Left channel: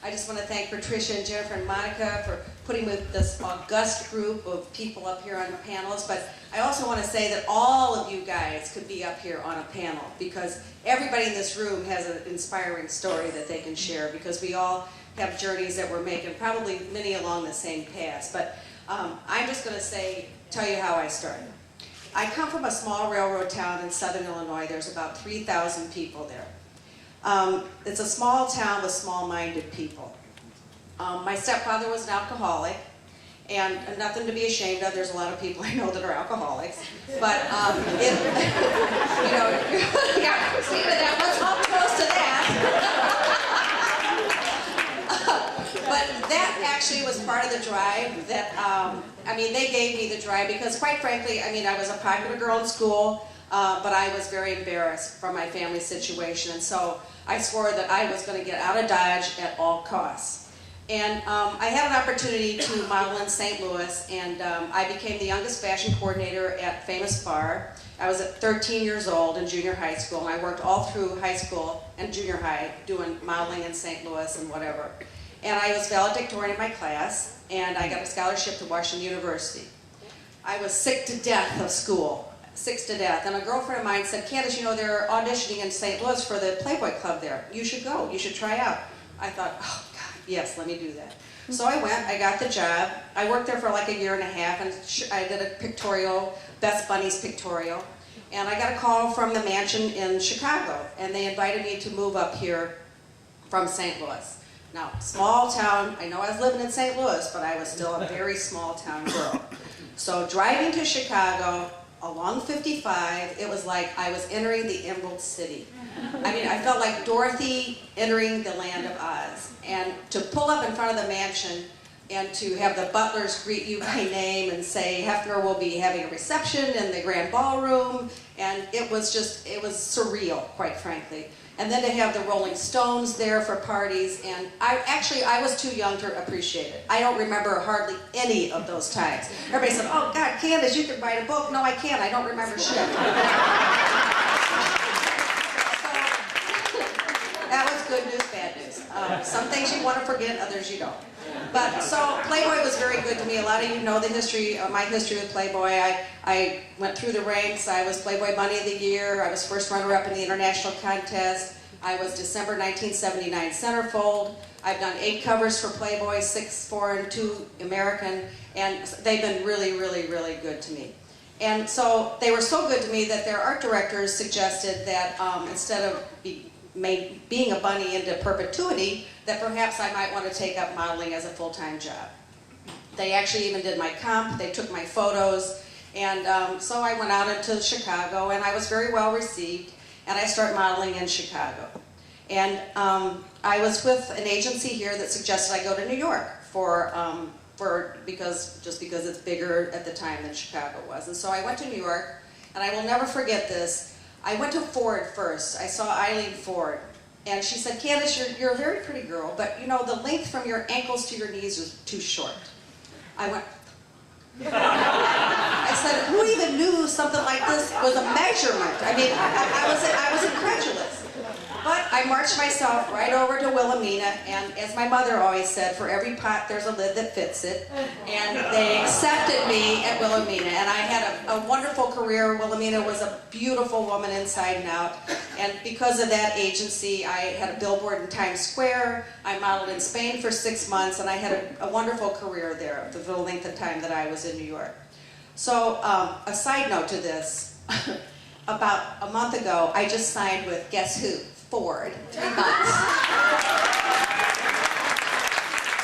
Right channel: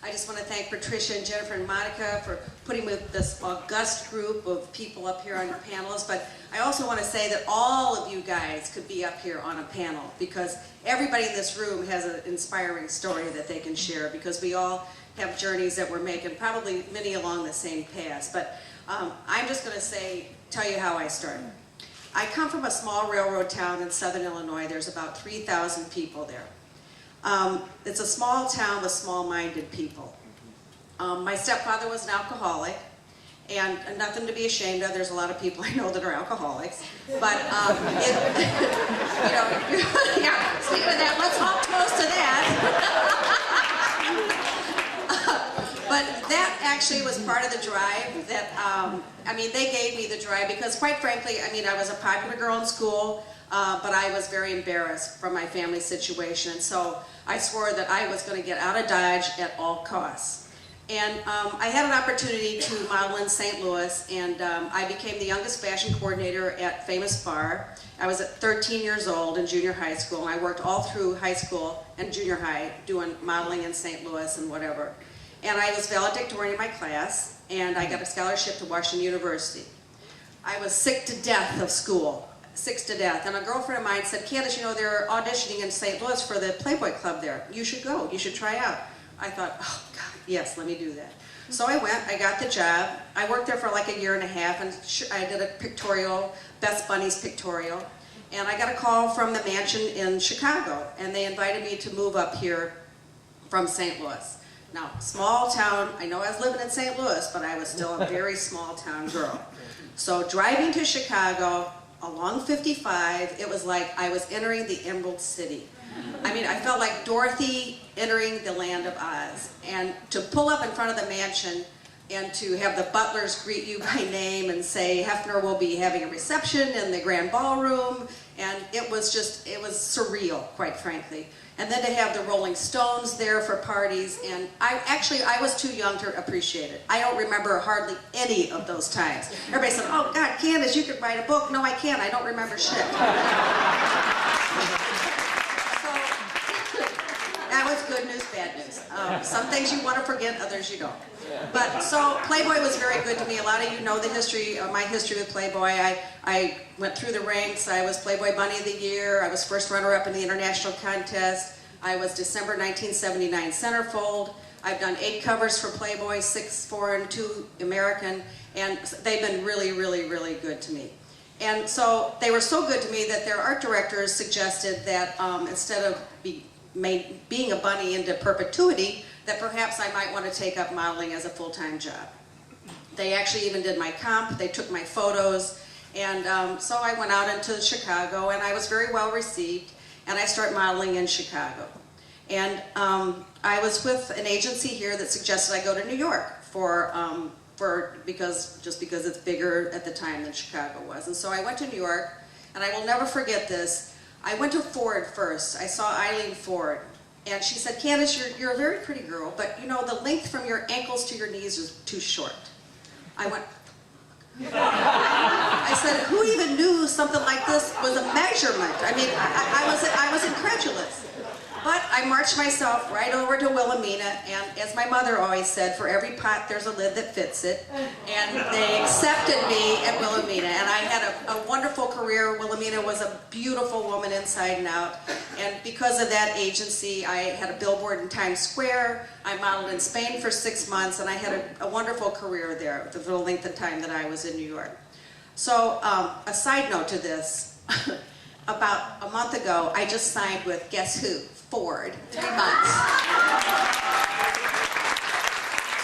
I just want to thank Patricia and Jennifer and Monika for putting with this august group of people up here on panels. But I also want to say that all of you guys could be up here on a panel, because everybody in this room has an inspiring story that they can share, because we all have journeys that we're making, probably many along the same path. But I'm just going to tell you how I started. I come from a small railroad town in southern Illinois. There's about 3,000 people there. It's a small town with small-minded people. My stepfather was an alcoholic, and nothing to be ashamed of. There's a lot of people I know that are alcoholics. But, you know, yeah, speaking of that, let's all toast to that. But that actually was part of the drive that, I mean, they gave me the drive because, quite frankly, I mean, I was a popular girl in school, but I was very embarrassed from my family situation, and so I swore that I was going to get out of Dodge at all costs. And I had an opportunity to model in St. Louis, and I became the youngest fashion coordinator at Famous Bar. I was at 13 years old in junior high school, and I worked all through high school and junior high doing modeling in St. Louis and whatever. And I was valedictorian in my class, and I got a scholarship to Washington University. I was sick to death of school, sick to death. And a girlfriend of mine said, Candace, you know, they're auditioning in St. Louis for the Playboy Club there. You should go, you should try out. I thought, oh God, yes, let me do that. So I went, I got the job. I worked there for like a year and a half, and I did a pictorial, Best Bunnies pictorial. And I got a call from the mansion in Chicago, and they invited me to move up here from St. Louis. Now, small town, I know I was living in St. Louis, but I was still a very small town girl. So driving to Chicago along 55, it was like I was entering the Emerald City. I mean, I felt like Dorothy entering the land of Oz. And to pull up in front of the mansion and to have the butlers greet you by name and say, Hefner will be having a reception in the grand ballroom, and it was surreal, quite frankly. And then to have the Rolling Stones there for parties, and I was too young to appreciate it. I don't remember hardly any of those times. Everybody said, oh God, Candace, you could write a book. No, I can't, I don't remember shit. So, that was good news, bad news. Some things you want to forget, others you don't. But so Playboy was very good to me. A lot of you know the history, my history with Playboy. I went through the ranks. I was Playboy Bunny of the Year. I was first runner-up in the international contest. I was December 1979 centerfold. I've done 8 covers for Playboy, 6 foreign, 2 American, and they've been really, really, really good to me. And so they were so good to me that their art directors suggested that instead of being a bunny into perpetuity, that perhaps I might want to take up modeling as a full-time job. They actually even did my comp, they took my photos, and so I went out into Chicago, and I was very well received, and I started modeling in Chicago. And I was with an agency here that suggested I go to New York because it's bigger at the time than Chicago was. And so I went to New York, and I will never forget this. I went to Ford first. I saw Eileen Ford. And she said, Candace, you're a very pretty girl, but you know, the length from your ankles to your knees is too short. I went, I said, who even knew something like this was a measurement? I mean, I was incredulous. But I marched myself right over to Wilhelmina, and as my mother always said, for every pot there's a lid that fits it. And they accepted me at Wilhelmina, and I had a wonderful career. Wilhelmina was a beautiful woman inside and out, and because of that agency, I had a billboard in Times Square. I modeled in Spain for 6 months, and I had a wonderful career there for the length of time that I was in New York. So a side note to this, about a month ago, I just signed with, guess who? Ford, 3 months.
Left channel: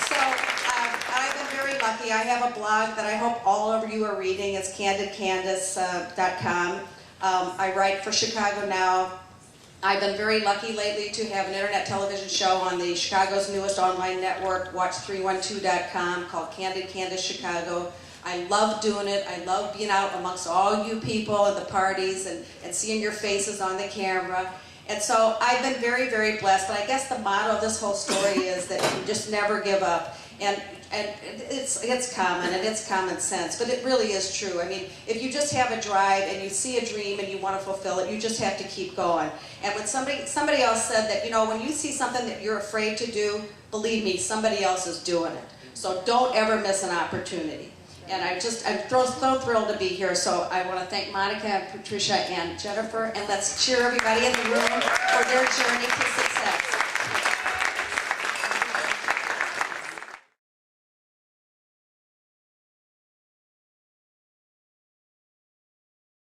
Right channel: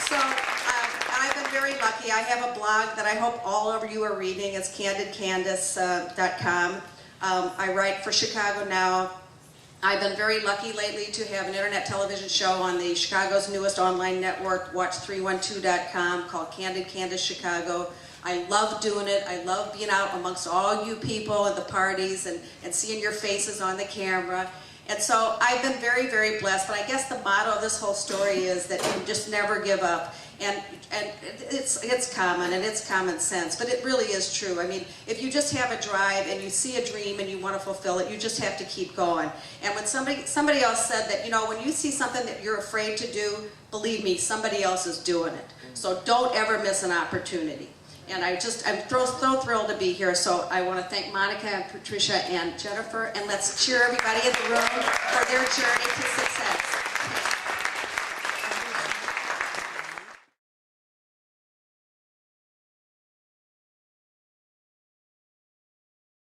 So I've been very lucky. I have a blog that I hope all of you are reading. It's candidcandace.com. I write for Chicago Now. I've been very lucky lately to have an internet television show on the Chicago's newest online network, watch312.com, called Candid Candace Chicago. I love doing it. I love being out amongst all you people at the parties and seeing your faces on the camera. And so I've been very, very blessed, but I guess the motto of this whole story is that you just never give up. And it's common, and it's common sense, but it really is true. I mean, if you just have a drive and you see a dream and you want to fulfill it, you just have to keep going. And when somebody else said that, you know, when you see something that you're afraid to do, believe me, somebody else is doing it. So don't ever miss an opportunity. And I'm so thrilled to be here. So I want to thank Monika and Patrycja and Jennifer, and let's cheer everybody in the room for their journey to success.